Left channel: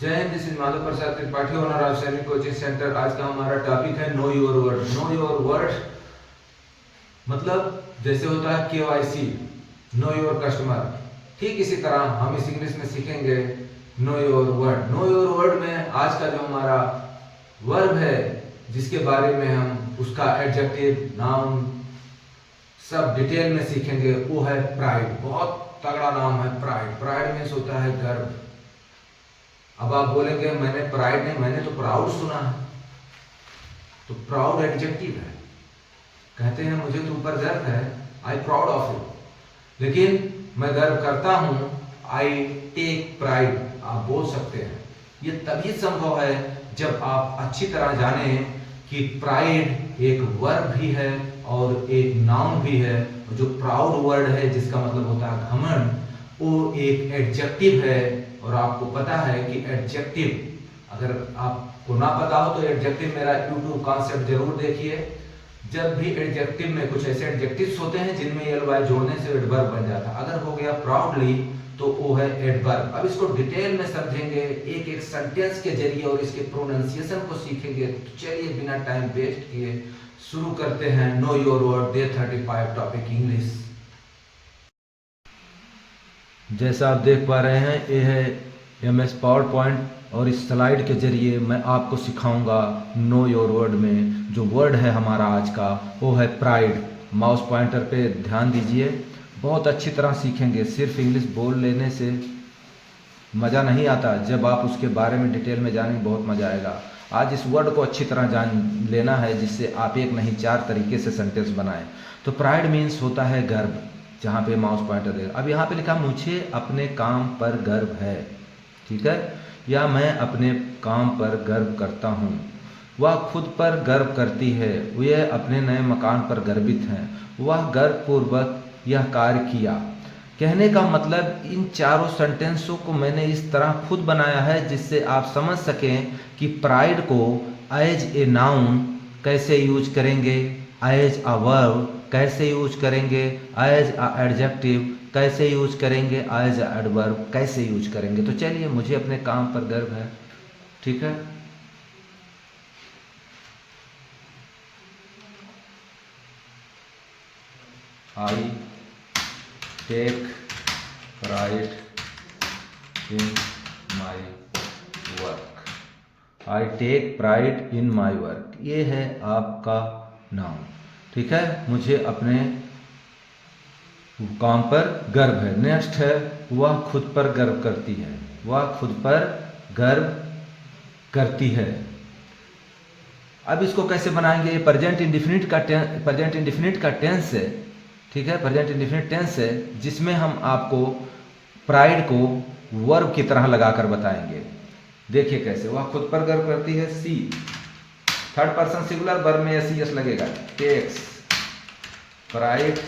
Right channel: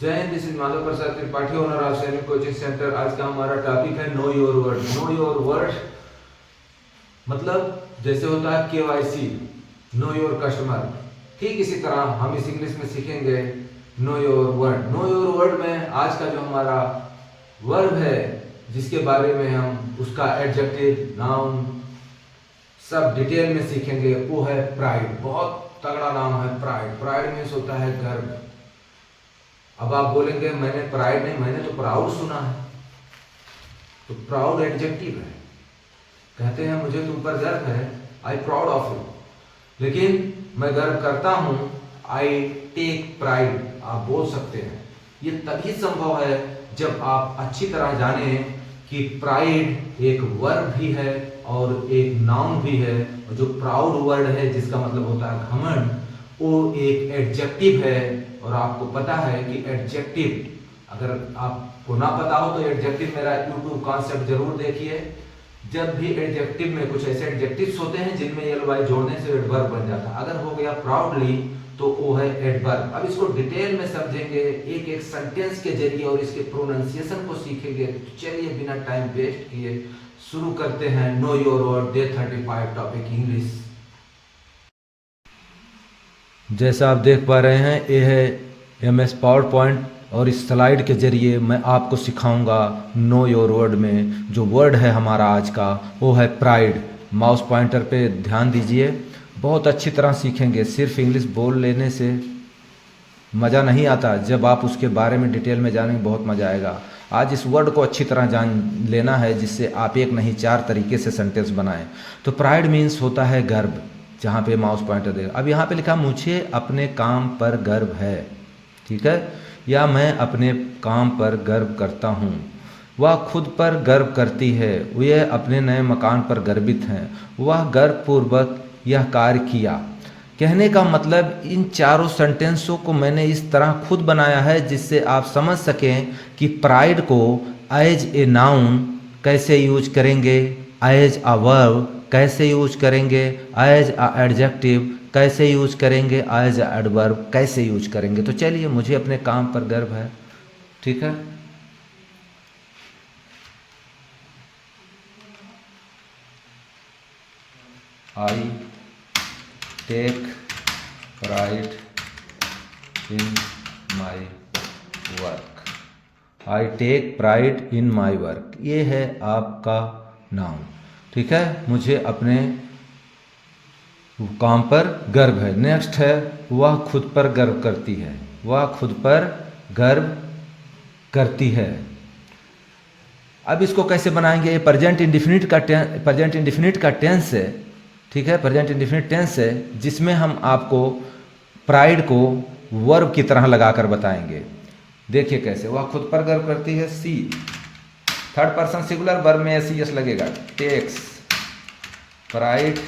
जय Hind, this is Madhav Prasad Tripathi, owner of सैनिक coaching centre. आज का हमारा टॉपिक है know your word. Know your word मतलब जैसे होता है KYC, नो योर कस्टमर, ठीक इसी तरह हम इस इंग्लिश में सीखेंगे know your word. Know your word में आज का जो हमारा वर्ब है, जिसके बारे में हम उसका एडजेक्टिव, नाउन सब डिटेल में सीखेंगे, वो है प्राइड। बहुत तगड़ा नाम है प्राइड। प्राइड मीन्स होता है गर्व। अब आप बोलेंगे मैंने प्राइड नहीं, मैंने तो प्राउड सुना है। तो प्राउड एडजेक्टिव है। कहते हैं मुझे तुम पर गर्व है, आई प्राउड ऑफ यू। लेकिन मैं गर्व करता हूं, आई टेक प्राइड आप बोल सकते हैं। ये तभी संभव है जब आप अच्छी तरह जाने कि प्राइड एक वर्ब भी है और एक नाउन भी है। जो प्राउड वर्ड है, जिसका मतलब होता है घमंड, वो एक एडजेक्टिव है। और आपको पता है कि एडजेक्टिव, अगर आपको ना पता हो तो एडजेक्टिव मेरा YouTube कॉन्सेप्ट जरूर देखिए। जब भी एडजेक्टिव में कुछ ऐसे एडजेक्टिव्स होते हैं जिनमें ly जोड़ने से एडवर्ब बन जाता है। अगर हो गया प्राउडली तो वो है एडवर्ब। अब इसको डिटेल में समझेंगे एक एक सेंटेंस के जरिए और इसके प्रोनाउंसिएशन को सीखेंगे। तो चलिए बिना टाइम वेस्ट किए शुरू करते हैं know your word day 35 topic English. जैसा आप देख पा रहे हैं, ये है MS पावर पॉइंट और इस स्लाइड के जरिए मैं आपको सिखाऊंगा नो योर वर्ड में जो वर्ड है हमारा आज का, वो है प्राइड। माउस पॉइंटर पे ध्यान दीजिए, बहुत अच्छी तरह सीखेंगे। सिर्फ इंग्लिश बोल लेने से मज़ा नहीं आता, जब आप उसके बारे में डिटेल में जानेंगे बहुत मज़ा आएगा। आज इस वर्ड को अच्छी तरह जान लेना है, जिससे आप एक नहीं 4 तरीके से सेंटेंस बनाएं। तो प्राइड मीन्स होता है गर्व, जहाँ पे माउस पॉइंटर देगा। अब यहाँ पे लिखा मुझे अपने काम पर गर्व है, ठीक है, या मैं अपने काम पर गर्व करता हूँ। वह खुद पर गर्व करती है, वे अपने नए मकान पर गर्वित हैं, वह गर्वपूर्वक यह कार्य किया। कहने का मतलब इन चारों सेंटेंसों को मैंने इस तरह खुद बनाया है जिससे आप समझ सकें कि प्राइड को एज ए नाउन कैसे यूज करेंगे, एज अ वर्ब कैसे यूज करेंगे, एज अ एडजेक्टिव कैसे यूज करेंगे, एज अ एडवर्ब कैसे यूज करेंगे। तो चलिए, मुझे अपने काम पर गर्व है, ठीक है। I take pride in my work. I take pride in my work, ये है आपका नाम, ठीक है। मुझे अपने काम पर गर्व है। नेक्स्ट है वह खुद पर गर्व करती है, वह खुद पर गर्व करती है। अब इसको कैसे बनाएंगे? प्रेजेंट इंडेफिनिट का टेंस है, ठीक है, प्रेजेंट इंडेफिनिट टेंस है, जिसमें हम आपको प्राइड को वर्ब की तरह लगाकर बताएंगे। देखिए कैसे। वह खुद पर गर्व करती है, सी, थर्ड पर्सन सिंगुलर, वर्ब में SES लगेगा, टेक्स प्राइड,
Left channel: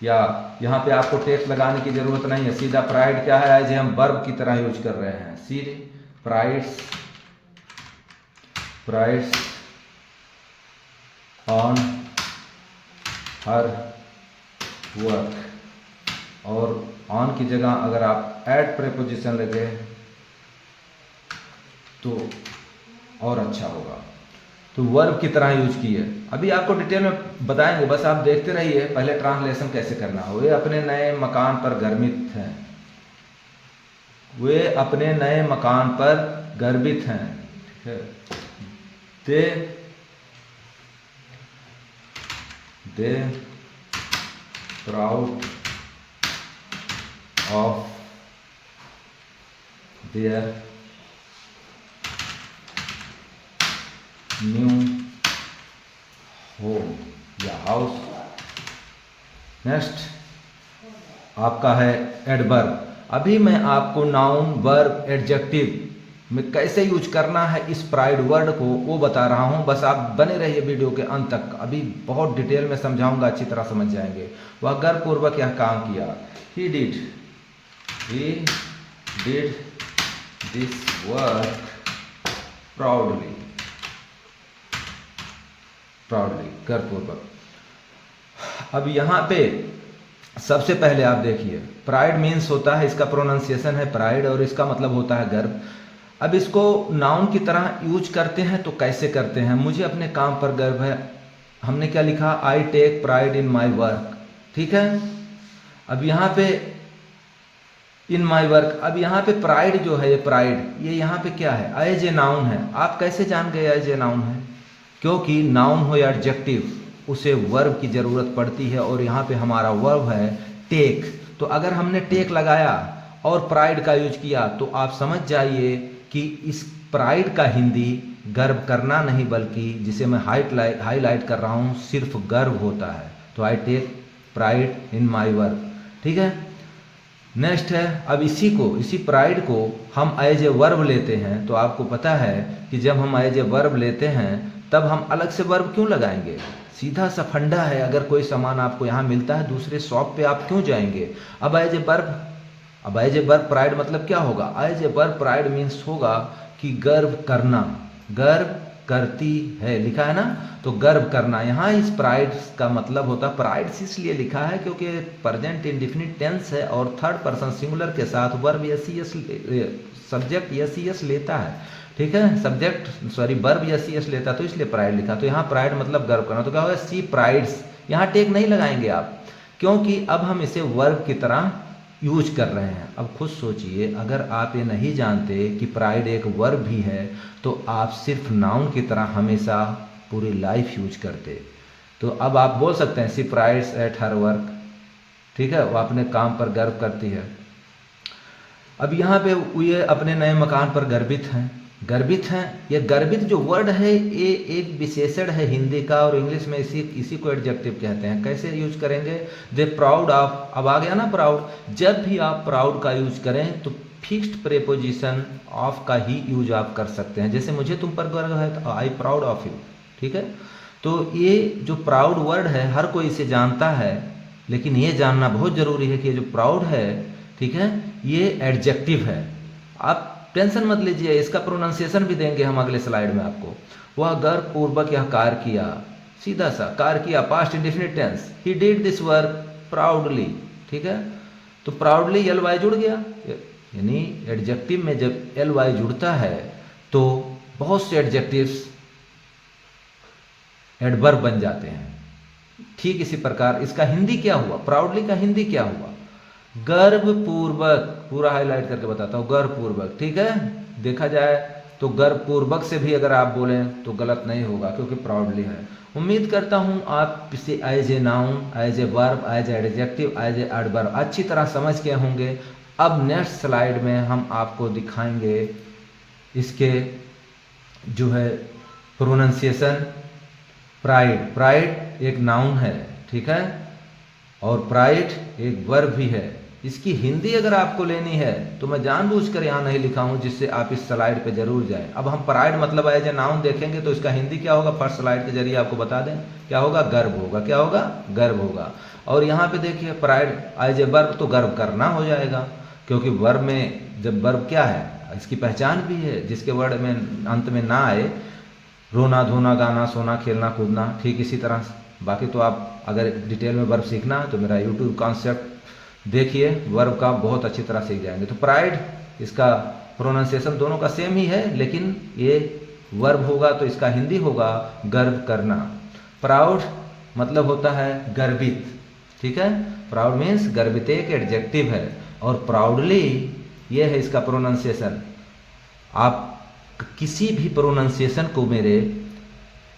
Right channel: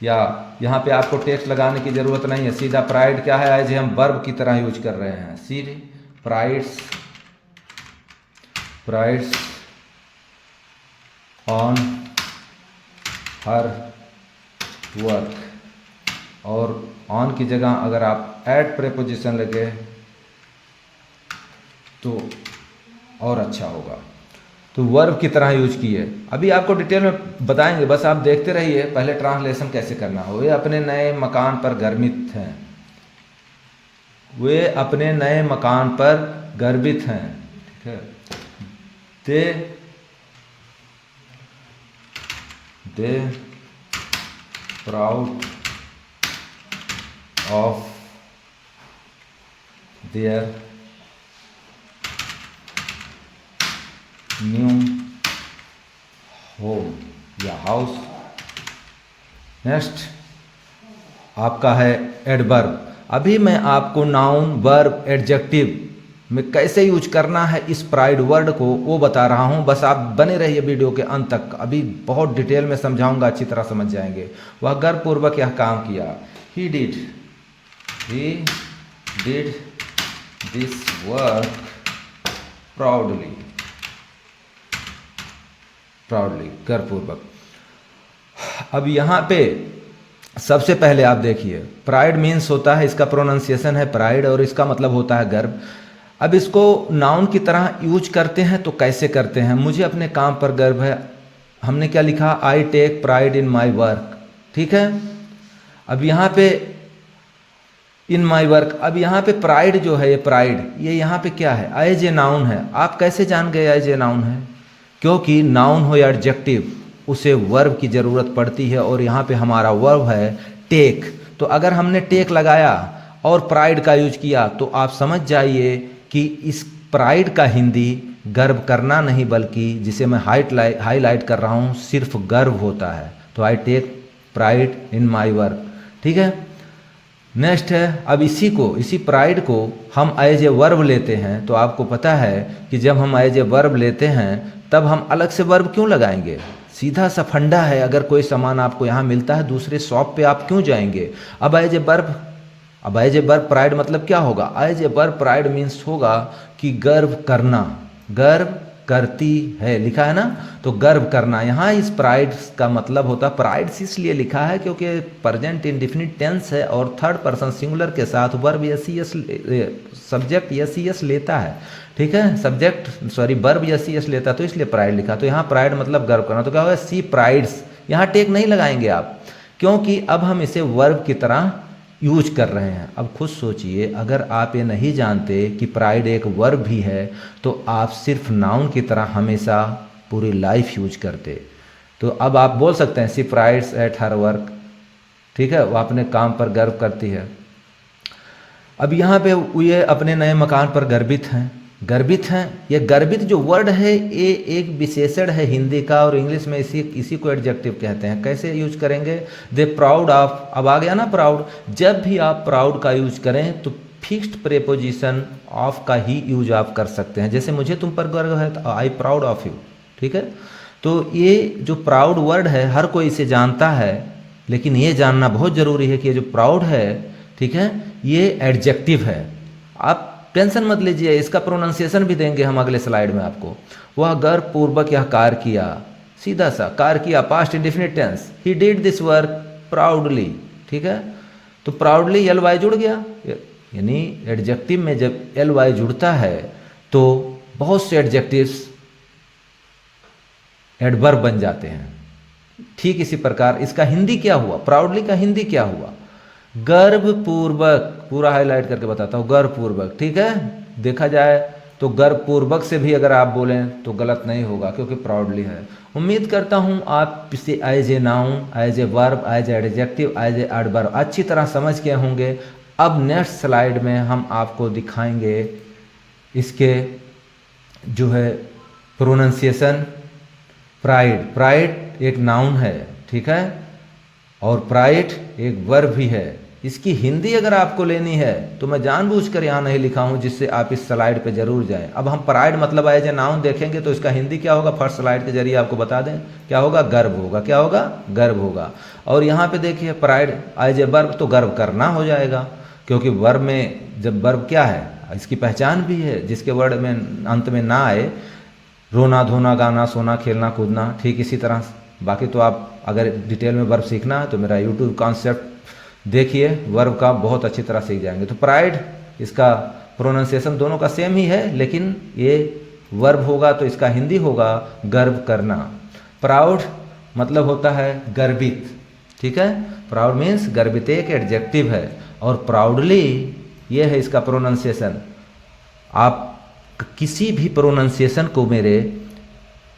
या यहाँ पे आपको टेक्स लगाने की जरूरत नहीं है, सीधा प्राइड क्या है, एज हम वर्ब की तरह यूज कर रहे हैं। सी प्राइड्स ऑन हर वर्क, और ऑन की जगह अगर आप एड प्रेपोजिशन लगे तो और अच्छा होगा। तो वर्ब की तरह यूज किए। अभी आपको डिटेल में बताएंगे, बस आप देखते रहिए पहले ट्रांसलेशन कैसे करना है। वे अपने नए मकान पर गर्वित हैं, वे अपने नए मकान पर गर्वित हैं, ठीक है। They proud of their new home या हाउस। नेक्स्ट आपका है एडवर्ब। अभी मैं आपको नाउन, वर्ब, एडजेक्टिव में कैसे यूज करना है इस प्राइड वर्ड को वो बता रहा हूँ। बस आप बने रहिए वीडियो के अंत तक, अभी बहुत डिटेल में समझाऊंगा, अच्छी तरह समझ जाएंगे। वह गर्वपूर्वक यह काम किया, he did this work proudly, गर्वपूर्वक। अब यहाँ पे सबसे पहले आप देखिए, प्राइड मीन्स होता है, इसका प्रोनाउंसिएशन है प्राइड और इसका मतलब होता है गर्व। अब इसको नाउन की तरह यूज करते हैं तो कैसे करते हैं? मुझे अपने काम पर गर्व है। हमने क्या लिखा? I take pride in my work. ठीक है। अब यहाँ पे इन माई वर्क, अब यहाँ पे प्राइड जो है, ये प्राइड, ये यहाँ पे क्या है? एज ए नाउन है। आप कैसे जान गए एज ए नाउन है? क्योंकि नाउन हो या एडजेक्टिव, उसे वर्ब की ज़रूरत पड़ती है और यहाँ पे हमारा वर्ब है टेक। तो अगर हमने टेक लगाया और प्राइड का यूज किया तो आप समझ जाइए कि इस प्राइड का हिंदी गर्व करना नहीं, बल्कि जिसे मैं हाईलाइट कर रहा हूँ, सिर्फ गर्व होता है। तो I take pride in my work. ठीक है। नेक्स्ट है, अब इसी प्राइड को हम एज ए वर्ब लेते हैं। तो आपको पता है कि जब हम एज ए वर्ब लेते हैं तब हम अलग से वर्ब क्यों लगाएंगे? सीधा सा फंडा है। अगर कोई सामान आपको यहाँ मिलता है, दूसरे शॉप पे आप क्यों जाएंगे? अब एज ए वर्ब प्राइड मतलब क्या होगा? As a verb pride means होगा कि गर्व करना, गर्व करती है, लिखा है ना, तो गर्व करना। यहाँ इस प्राइड का मतलब होता है, प्राइड इसलिए लिखा है क्योंकि प्रेजेंट इंडेफिनिट टेंस है और थर्ड पर्सन सिंगुलर के साथ वर्ब एस सब्जेक्ट एस लेता है। ठीक है। वर्ब एस लेता है, तो इसलिए प्राइड लिखा। तो यहाँ प्राइड मतलब गर्व करना। तो क्या होगा? सी प्राइड्स। यहाँ टेक नहीं लगाएंगे आप, क्योंकि अब हम इसे वर्ब की तरह यूज कर रहे हैं। अब खुद सोचिए, अगर आप ये नहीं जानते कि प्राइड एक वर्ब भी है तो आप सिर्फ नाउन की तरह हमेशा पूरी लाइफ यूज करते। तो अब आप बोल सकते हैं सी प्राइड्स एट हर वर्क। ठीक है, वो अपने काम पर गर्व करती है। अब यहाँ पे ये अपने नए मकान पर गर्वित हैं। ये गर्वित जो वर्ड है, ये एक विशेषण है हिंदी का, और इंग्लिश में इसी को एडजेक्टिव कहते हैं। कैसे यूज करेंगे? दे प्राउड ऑफ। अब आ गया ना प्राउड। जब भी आप प्राउड का यूज करें तो फिक्स्ड प्रेपोजिशन ऑफ का ही यूज आप कर सकते हैं। जैसे मुझे तुम पर गर्व है तो आई प्राउड ऑफ यू। ठीक है। तो ये जो प्राउड वर्ड है हर कोई इसे जानता है, लेकिन ये जानना बहुत ज़रूरी है कि ये जो प्राउड है, ठीक है, ये एडजेक्टिव है। आप टेंशन मत लीजिए, इसका प्रोनाउंसिएशन भी देंगे हम अगले स्लाइड में आपको। वह गर्वपूर्वक यह कार्य किया, सीधा सा कार्य किया, past indefinite tense. He did this work proudly. ठीक है। तो प्राउडली एल वाई जुड़ गया, यानी एडजेक्टिव में जब एल वाई जुड़ता है तो बहुत से एडजेक्टिव्स एडवर्ब बन जाते हैं। ठीक इसी प्रकार इसका हिंदी क्या हुआ? प्राउडली का हिंदी क्या हुआ? गर्वपूर्वक। पूरा हाईलाइट करके बताता हूँ, गर्वपूर्वक। ठीक है। देखा जाए तो गर्वपूर्वक से भी अगर आप बोलें तो गलत नहीं होगा, क्योंकि प्राउडली है। उम्मीद करता हूँ आप इसे as a noun, as a verb, as a adjective, as a adverb अच्छी तरह समझ के होंगे। अब नेक्स्ट स्लाइड में हम आपको दिखाएंगे इसके जो है प्रोनाउंसिएशन। प्राइड एक नाउन है, ठीक है, और प्राइड एक वर्ब भी है। इसकी हिंदी अगर आपको लेनी है तो मैं जानबूझकर यहाँ नहीं लिखा हूँ, जिससे आप इस स्लाइड पे जरूर जाएं। अब हम प्राइड मतलब एज ए नाउन देखेंगे तो इसका हिंदी क्या होगा, फर्स्ट स्लाइड के जरिए आपको बता दें। क्या होगा? गर्व होगा। क्या होगा? गर्व होगा। और यहाँ पे देखिए प्राइड एज ए वर्ब, तो गर्व करना हो जाएगा, क्योंकि वर्ब में जब वर्ब क्या है, इसकी पहचान भी है, जिसके वर्ड में अंत में ना आए, रोना, धोना, गाना, सोना, खेलना, कूदना। ठीक इसी तरह बाकी तो आप अगर डिटेल में वर्ब सीखना तो मेरा यूट्यूब कॉन्सेप्ट देखिए, वर्ब का बहुत अच्छी तरह सीख जाएंगे। तो प्राइड, इसका प्रोनाउंसिएशन दोनों का सेम ही है, लेकिन ये वर्ब होगा तो इसका हिंदी होगा गर्व करना। प्राउड मतलब होता है गर्वित। ठीक है। प्राउड मीन्स गर्वित, एक एडजेक्टिव है, और प्राउडली ये है इसका प्रोनाउंसिएशन। आप किसी भी प्रोनाउंसिएशन को मेरे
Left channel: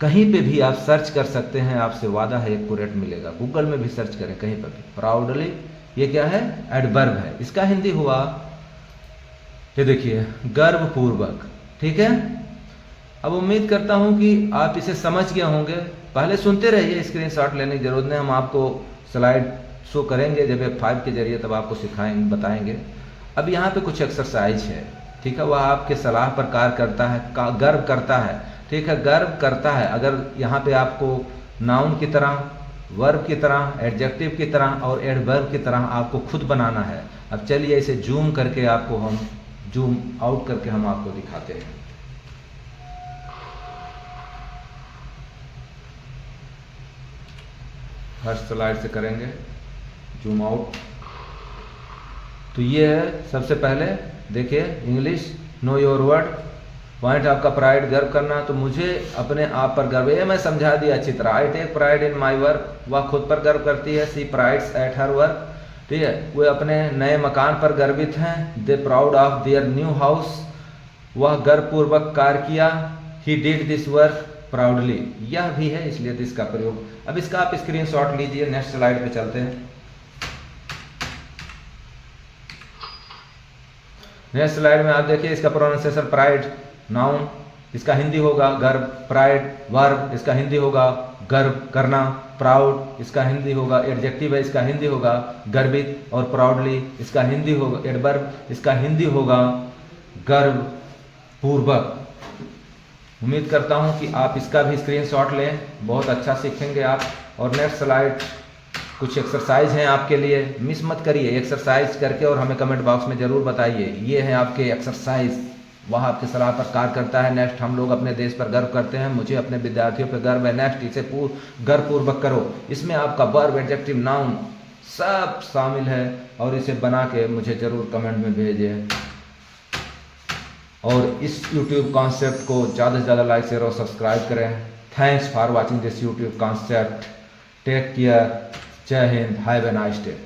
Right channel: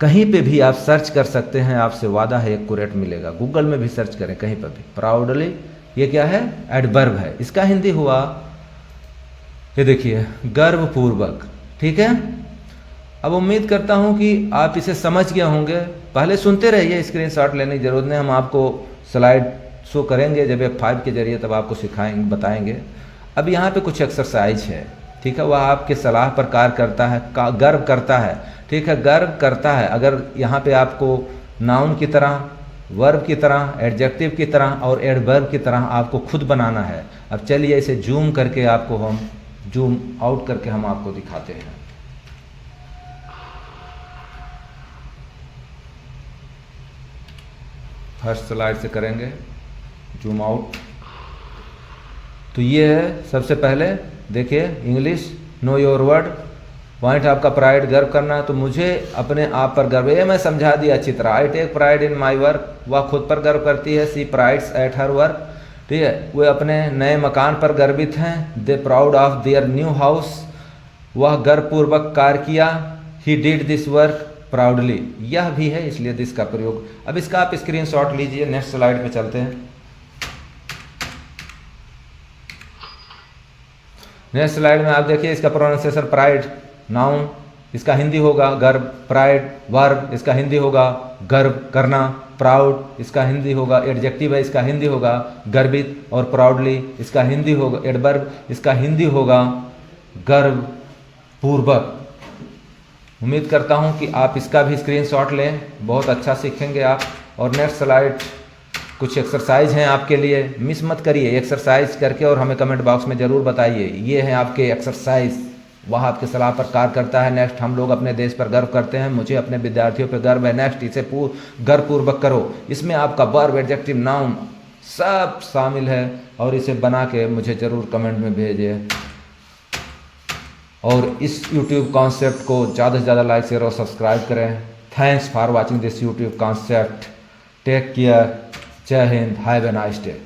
कहीं पे भी आप सर्च कर सकते हैं, आपसे वादा है एक्यूरेट मिलेगा। गूगल में भी सर्च करें, कहीं पर भी। प्राउडली ये क्या है? एडवर्ब है। इसका हिंदी हुआ, ये देखिए, गर्वपूर्वक। ठीक है। अब उम्मीद करता हूं कि आप इसे समझ गए होंगे। पहले सुनते रहिए, स्क्रीनशॉट लेने की जरूरत नहीं, हम आपको स्लाइड शो करेंगे जब F5 के जरिए, तब आपको सिखाएंगे, बताएंगे। अब यहाँ पे कुछ एक्सरसाइज है, ठीक है, वह आपके सलाह पर कार्य करता है, गर्व करता है। ठीक है, गर्व करता है। अगर यहाँ पे आपको नाउन की तरह, वर्ब की तरह, एडजेक्टिव की तरह और एडवर्ब की तरह आपको खुद बनाना है। अब चलिए इसे जूम करके आपको हम जूम आउट करके हम आपको दिखाते हैं। फर्स्ट स्लाइड से करेंगे। Zoom out. तो ये है सबसे पहले देखिए English, know your word, point आपका प्राइड, गर्व करना। तो मुझे अपने आप पर गर्व है, ये मैं समझा दिया अच्छी तरह। I take pride in my work, वह खुद पर गर्व करती है। She prides at her work, ठीक है, वे अपने नए मकान पर गर्वित हैं। They proud of their new house, वह गर्वपूर्वक कार्य किया। He did this work proudly, यह भी है इसलिए दिस का प्रयोग। अब इसका आप स्क्रीनशॉट लीजिए। नेक्स्ट स्लाइड पे चलते हैं। नेक्स्ट स्लाइड में आप देखिए इसका प्रोनाउंसिएशन, प्राइड नाउन, इसका हिंदी होगा गर्व, प्राइड वर्ब, इसका हिंदी होगा गर्व करना, प्राउड इसका हिंदी होगा एडजेक्टिव है, इसका हिंदी होगा गर्वित, और प्राउडली इसका हिंदी होगा एडवर्ब, इसका हिंदी होगा गर्व पूर्वक। उम्मीद करता हूं कि आप इसका भी स्क्रीनशॉट लें, बहुत अच्छा सीखेंगे आप। और नेक्स्ट स्लाइड कुछ एक्सरसाइज हैं आपके लिए, मिस मत करिए, एक्सरसाइज करके और हमें कमेंट बॉक्स में ज़रूर बताइए। ये हैं आपके एक्सरसाइज, वह आपके सलाह पर कार्य करता है। नेक्स्ट, हम लोग अपने देश पर गर्व करते हैं, मुझे अपने विद्यार्थियों पर गर्व है। नेक्स्ट, इसे गर्वपूर्वक करो, इसमें आपका वर्ब, एडजेक्टिव, नाउन सब शामिल है, और इसे बना के मुझे ज़रूर कमेंट में भेजिए। और इस यूट्यूब कॉन्सेप्ट को ज़्यादा से ज़्यादा लाइक, शेयर और सब्सक्राइब करें। Thanks for watching this YouTube concept. Take care, Jai Hind, have a nice day.